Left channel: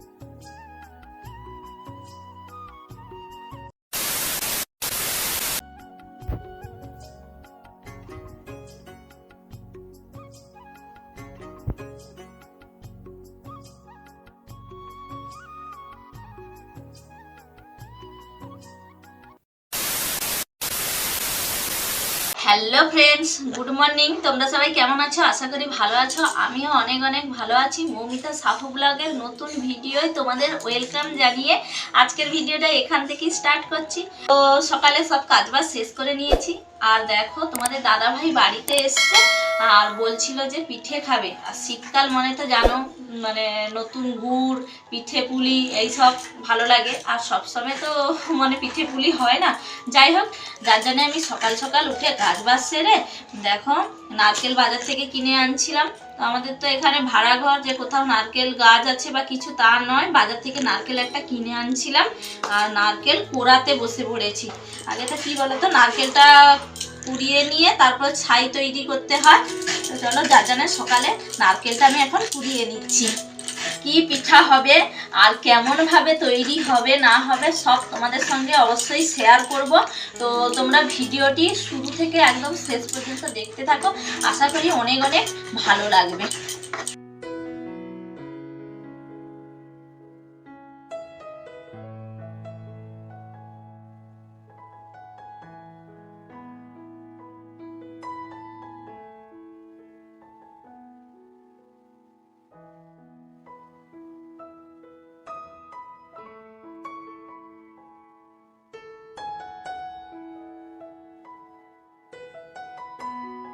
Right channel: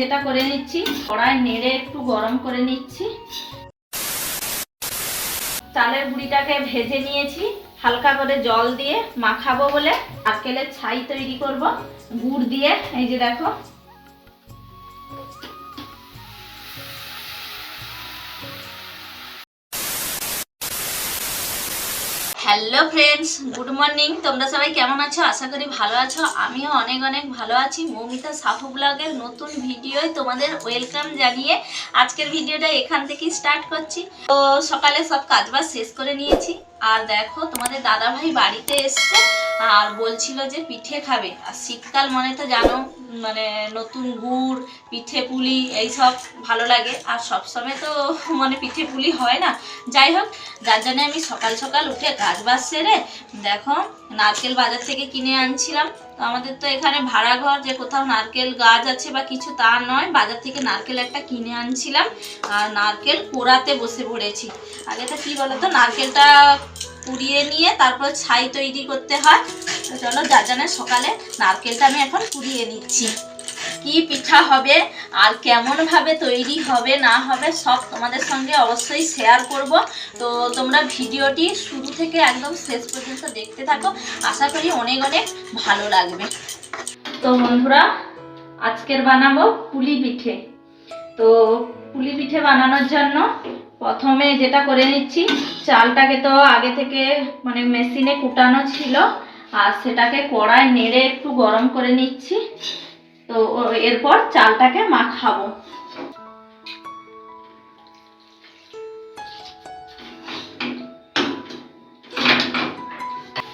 যেটা করে নিচ্ছি, কড়াই নেড়ে একটু গরম করে নিচ্ছি। চালের গুঁড়িটাকে ভেজে নিয়েছি, হালকা করে জল দিয়ে মাখাবো বলে নারকেলের ছাই তৈরি করব গুড় দিয়ে। এই যে দেখো, হ্যালো ফ্রেন্ডস, গুড মর্নিং। তোমরা সবাই কেমন আছো? আশা করি ভালো আছো। আমিও অনেক অনেক ভালো আছি। মৌমিতা সাহু ব্লগের নতুন ভিডিওয় তোমাদের ওয়েলকাম জানিয়ে আজকের ভিডিওটা এখান থেকেই স্টার্ট করছি। তো সকালে সব কাজবাজ শেষ করে নিয়েছি, আর দেখো তোমাদের দাদা ভাই বাড়িতে এসছে আর বলছিল যে পিঠে খাবে। আর শীতকাল মানে তো জানো, মানে নতুন গুড়, পিঠে পুলি এইসব ভালো লাগে। আর সবসময় তো মানে পিঠে পুলি হয় না। যাই হোক, যার জন্য আমি সকাল সকাল উঠে কাজ বাজ সেরে দেখো নারকেল বাজার থেকে কিনে আনছিলাম। তো আমাদের তো এখানে ভাড়া ঘর, যে কোথাও নারকেল গাছ আছে বা কিছু তা নয়, বাজার থেকে নারকেল একটা কিনে আনছিলাম আর নারকেল কোড়াতে বসে পড়েছি। আগে তো কী বলতো, নারকেলটা কুড়িয়ে নিয়ে তারপর ছাই তৈরি করতে হয়। তো চলো, যার জন্য সকালে নারকেলটা আমি এখন কুড়িয়ে নিচ্ছি। কি পিঠা হবে আর কেমন ভাবে তৈরি হবে না হবে সব তোমাদের সঙ্গে অবশ্যই শেয়ার করব। তো তোমরা ভিডিওটি শুরু থেকে একদম শেষ পর্যন্ত দেখতে থাকো, আশা করি অনেক অনেক ভালো লাগবে। তো বন্ধুরা, আজকের বানাবো পুলি পিঠে। তো পুলি পিঠে বানানোর জন্য প্রথমে যেটা করে নিচ্ছি, চালটাকে তো আগে থেকে মানে মেশিনে কুটানো ছিল, আর সেটাকে কড়াই নেড়ে একটু গরম করে নিচ্ছি। তো এরপর চালটাকে মাখাবো।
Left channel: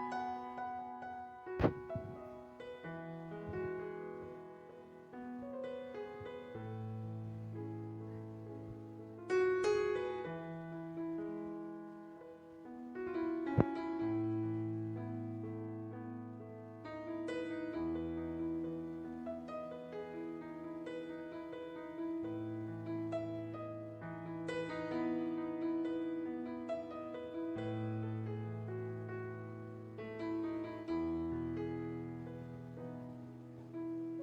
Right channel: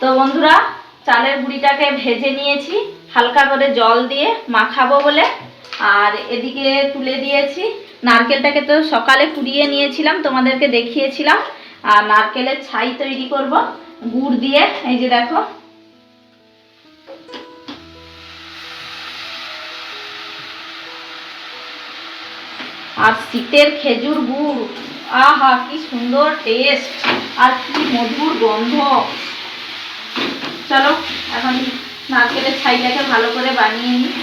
তো বন্ধুরা, চালের গুঁড়িটাকে ভেজে নিয়েছি, হালকা করে জল দিয়ে মাখাবো বলে। আর এদিকে তুলে দিয়েছি নারকেলটাকে, তো সকালে কুড়িয়ে নিয়েছিলাম, তোমাদেরকে দেখিয়েছিলাম। আর নারকেলের ছাই তৈরি করব গুড় দিয়ে। এই যে দেখো, আর শীতের খেজুর গুড়, আহা কি সুন্দর টেস্ট আর কি মধুর গন্ধ। চলো এখন নারকেলের ছাইটাকে ভালো করে বানিয়ে নিই।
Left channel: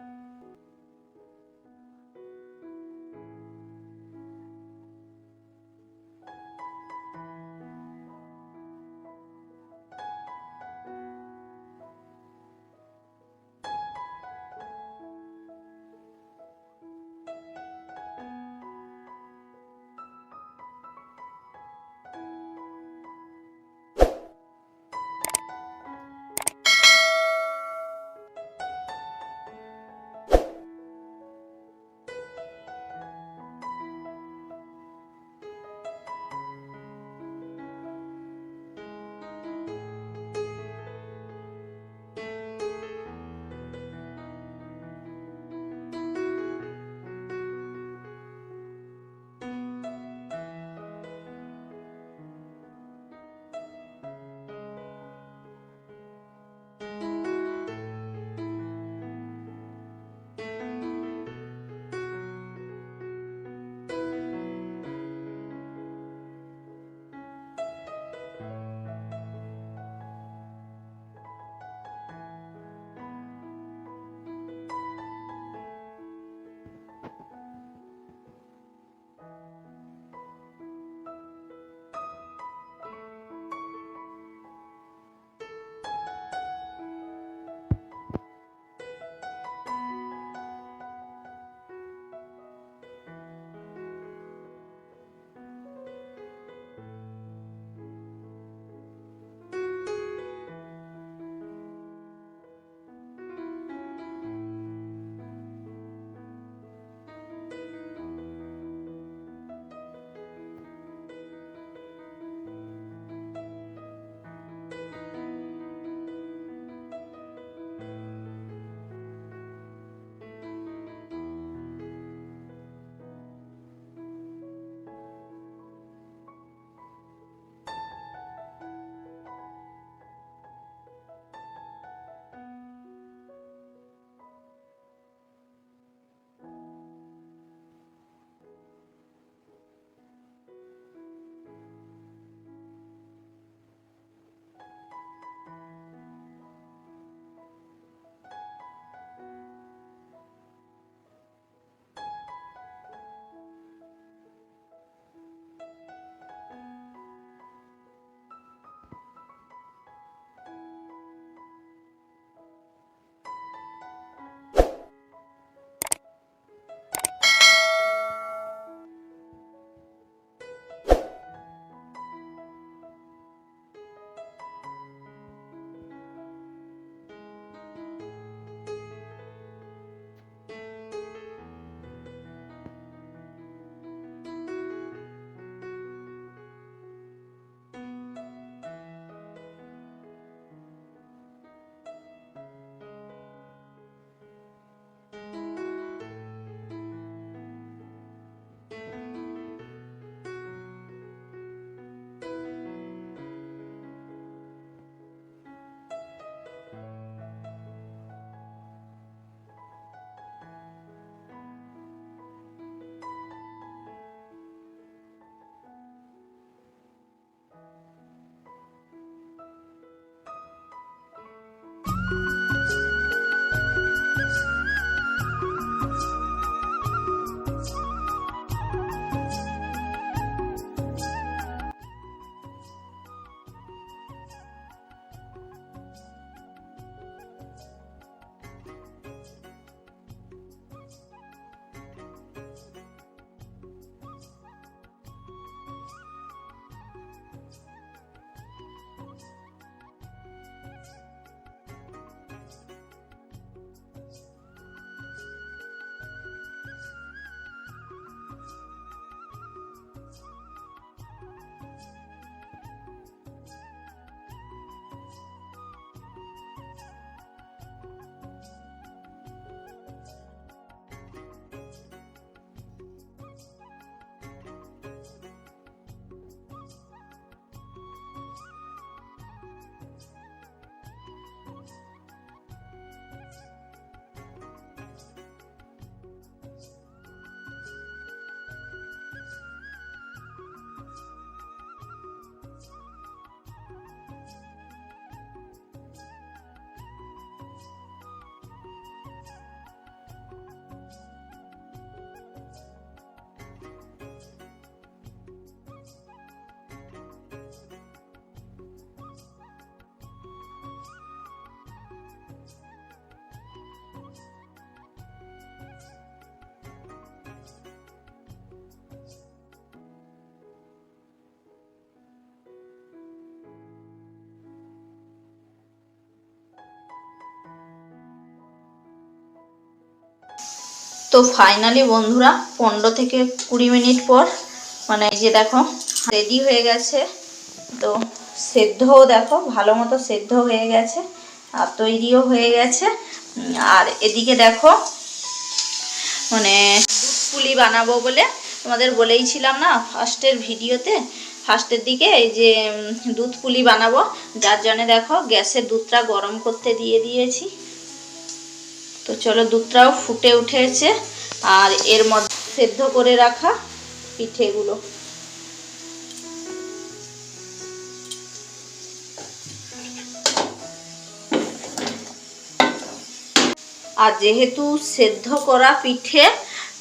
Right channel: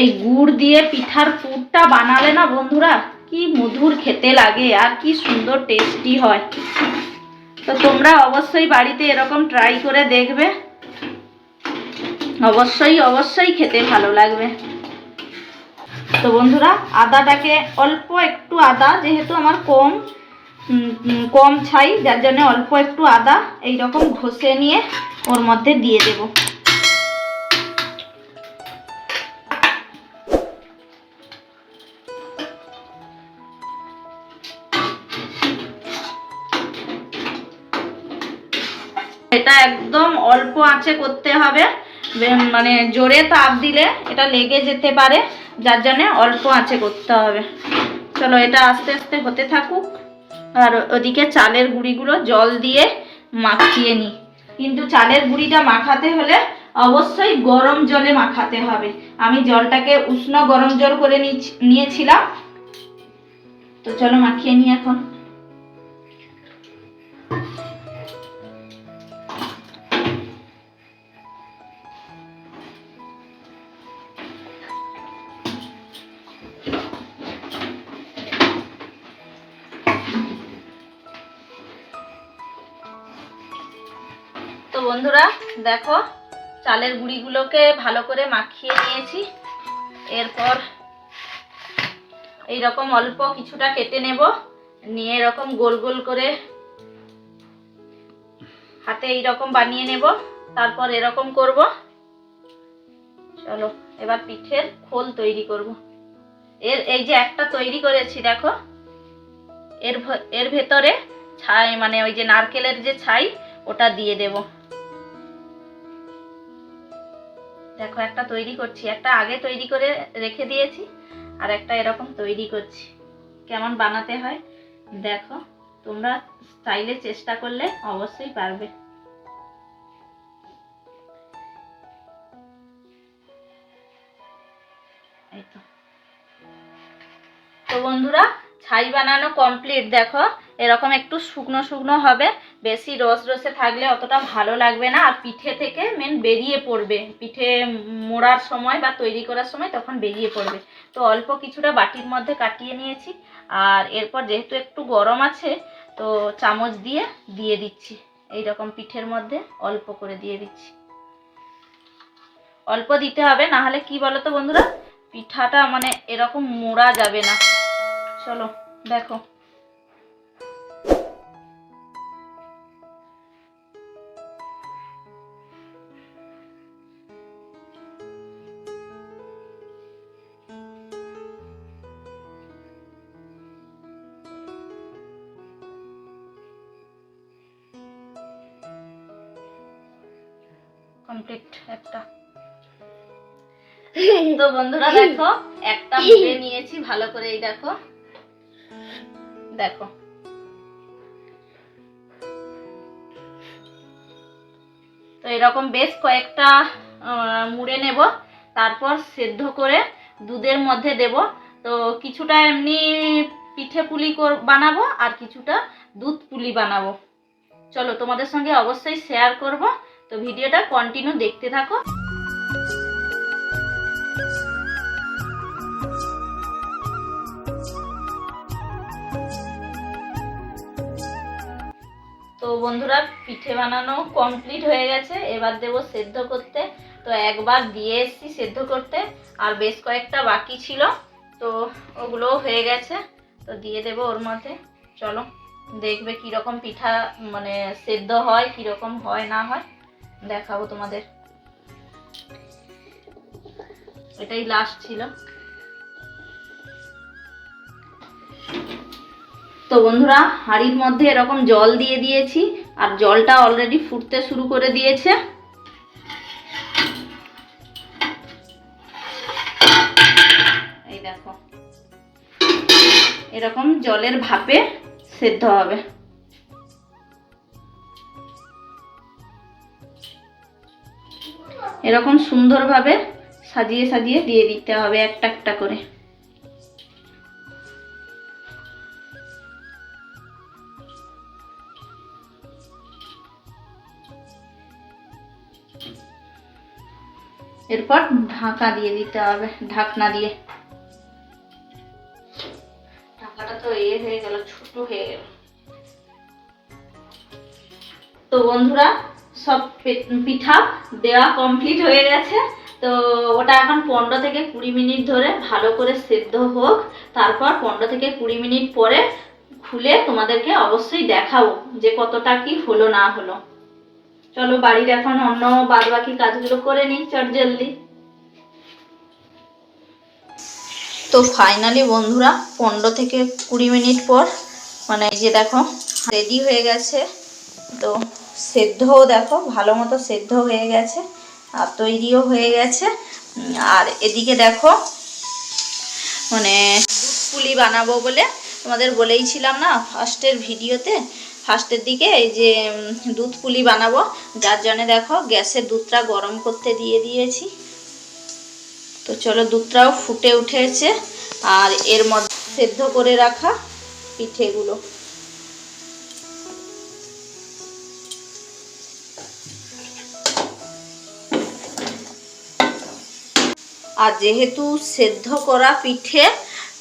এই গুড় দিয়ে পিঠার পুরটা বানালে না বন্ধুরা, কি মধুর খেতে লাগে আর কি সুন্দর টেস্টি হয়। তো তোমরা অবশ্যই বাড়িতে এরকম ট্রাই করে দেখবে, অবশ্যই অবশ্যই খেতে ভালো লাগবে। তো বন্ধুরা, আদাটাকে অল্প একটু আদা, যেহেতু আমার কম ছাই, যার জন্য অল্প একটু আদা এইরকম ঘষে নিয়ে ওর মধ্যে দিয়ে দেব। এটা একদম অল্প আঁচে করতে হবে, মানে জোরে তাপ দিলে এটা লেগে যেতে পারে, যার জন্য অল্প আঁচে করতে হবে। চলো, এটা আস্তে আস্তে হতে থাকুক, আর ওদিকে চালের গুঁড়িগুলো জল দিয়ে মাখিয়ে নিই। কিন্তু চালের গুঁড়িটা মাখাতে হলে অবশ্যই গরম জলে মাখাতে হবে। আমি জলটাকে উষ্ণ গরম জল করে নিয়েছিলাম। তো চলো মাখিয়ে নিই এখন। তো বন্ধুরা দেখো, চালের গুঁড়িগুলোকে ভালো করে মাখিয়ে নিয়েছি। এরপর এইরকম অল্প কিছুটা কেটে নেব, নিয়ে এরকম গোল গোল করে হাতে এইরকম বানিয়ে নেব, তারপর এরকম করব। চলো এবার পিঠের খোল তৈরি করব। এই যে একটা তৈরি করেছি দেখো, এর ভেতরে ছাই, মানে ওই যে নারকেলের যে ছাই, ওটা দিয়ে দেব। দেখো একটা তৈরি করছি, একটা আগে তৈরি করে রেখে দিয়েছি, আর একটা এরকম তৈরি করছি। কেমন বানাতে হয় দেখো, তোমরা চাইলে চেষ্টা করলে অবশ্যই পারবে। এই তো বন্ধুরা, ছাই বানানো কমপ্লিট। দেখো এরকম একটু শুকনো শুকনো হবে, বেশি রস রসে থাকলে অতটা ভালো লাগবে না, আর পিঠে থেকে মেন বেরিয়ে পড়বে, পিঠে মোড়ার সময় বা তৈরি করার সময় তখন বেরিয়ে পড়বে। তো অল্প কিছুটা বাটির মধ্যে কাটিয়ে নিয়েছি, আর এরপর যেহেতু একটু গরম আছে তো চামচ দিয়ে দিয়ে দিচ্ছি, এইরকম পিঠের মধ্যে অল্প করে দিয়ে দিচ্ছি। অল্প দিতে হবে, না হলে কি বলো তো বন্ধুরা, পিঠাটা মানে এরকম মোড়া যাবে না। চলো দেখো। কমপ্লিট একটা। তো বন্ধুরা দেখো, একটা মুড়ে নিয়েছি ভালো করে, এই দেখো দেখো। তো এরকম বেশ কয়েকটা মুড়ে নেব, তারপর সেদ্ধ করে দুধের মধ্যে দেব। তো কিছুটা এমনি পিঠে পুলি বানাবো, আর কিছুটা দুধ পুলি বানাবো। চলো তোমাদের সঙ্গে অবশ্যই শেয়ার করব, তো ভিডিওটা কন্টিনিউ দেখতে থাকো। তো বন্ধুরা পিঠে বানানো কমপ্লিট হয়ে গেছে, এবার দেব সেদ্ধ করতে। তো একবার দিয়ে এসছি সেদ্ধ করতে, আর বেশ কয়েকটা বাকি ছিল, তো ওগুলোও হয়ে গেছে, তো দিয়ে দেব ওর মধ্যে। চলো দেখবে কীরকম পিঠা মানে সেদ্ধ হয়, কীরকম হয় না হয় দেখাবো তোমাদের। এটাই লাস্ট ছিল। তো বন্ধুরা হাঁড়ির মধ্যে এরকম জল দিয়ে দিয়েছি, আর জলটা অলরেডি ফুটতে শুরু করে দিয়েছে। এই দেখো এরকম জলের ভাপে সেদ্ধ হবে। এরকম সুন্দরভাবে সাজিয়ে সাজিয়ে দিয়ে দিতে হবে একটা একটা করে। এরপর ঢাকা দিয়ে দিতে হবে, ঢাকনা দিয়ে। ঢাকাটা তো হয়ে গেল, ছোট হয়ে গেল। তো বন্ধুরা সব পিঠা দেওয়া কমপ্লিট হয়ে গেছে, তো ওটা এখন 15 থেকে 20 মিনিট ধরে ভালো করে সেদ্ধ হোক, তারপর 15 থেকে 20 মিনিট পরে খুলে তোমাদেরকে অবশ্যই দেখাবো যে কতটা কি হলো না হলো। চলো বাড়ির এখন অন্য বাদ বাকি কাজগুলো করে নিই চট জলদি। তো ফাইনালি বন্ধুরা 15 থেকে 20 মিনিট পর মানে এই যে দেখো রেডি হয়ে গেছে। তো সেদ্ধও দেখো ভালো মতো সেদ্ধ হয়ে গেছে, আর তৈরিও হয়ে গেছে। আর এদিকে দেখো মানে দুধ পুলি বানাবো বলে তোমাদের বলেইছিলাম না ফার্স্টের ভিডিওতে, ফার্স্টের দিকে এই যে দুধ পুলি বানাবো, যার জন্য দেখো গ্যাসের দুধটা গরম করতে দিয়ে দিয়েছি। তো চলো দুধটাও ফুটে উঠেছে, আর এর মধ্যে সেদ্ধ করে রাখা পিঠেগুলো। আর যেহেতু সেদ্ধ করা পিঠে,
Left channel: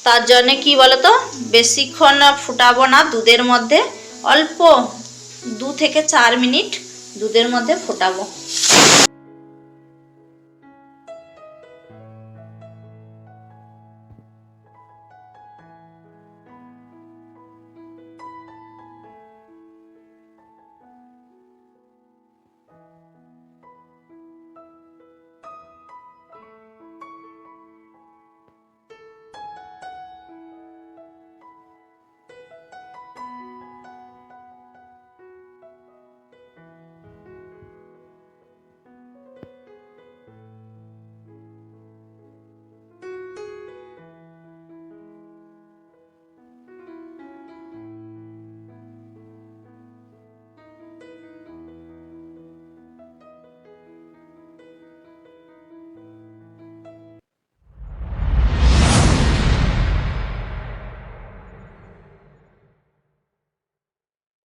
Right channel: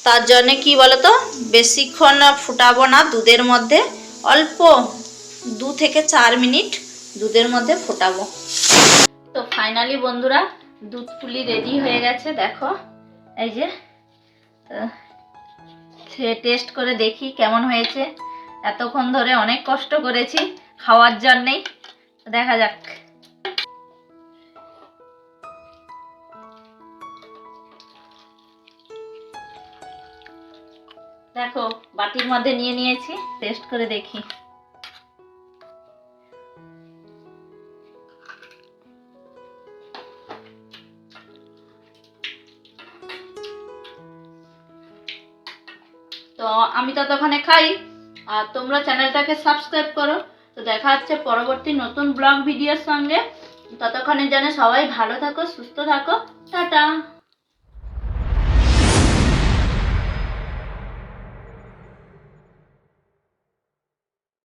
তার জন্য কি বলতো বেশিক্ষণ ফুটাবো না দুধের মধ্যে, অল্প 2 থেকে 4 মিনিট দুধের মধ্যে ফোটাবো। তো ফাইনালি বন্ধুরা দুধ পুলি রেডি হয়ে গেছে, দেখো এই যে। টেস্ট করে দেখি কেমন হয়েছে। এতক্ষণ ধরে অনেক কষ্ট করেছি খাওয়ার জন্যেই, দেখা যাক। দেখো বাটির মধ্যে নিয়ে নিয়েছি, টেস্ট করে দেখি। তো আমি ততক্ষণে খাই, আর তোমরা চ্যানেলটাকে সাবস্ক্রাইব করো। তো দেখা হচ্ছে পরবর্তী নতুন ব্লগ ভিডিওর সঙ্গে। ততক্ষণের জন্য সবাই ভালো থাকো, সুস্থ থাকো, টাটা।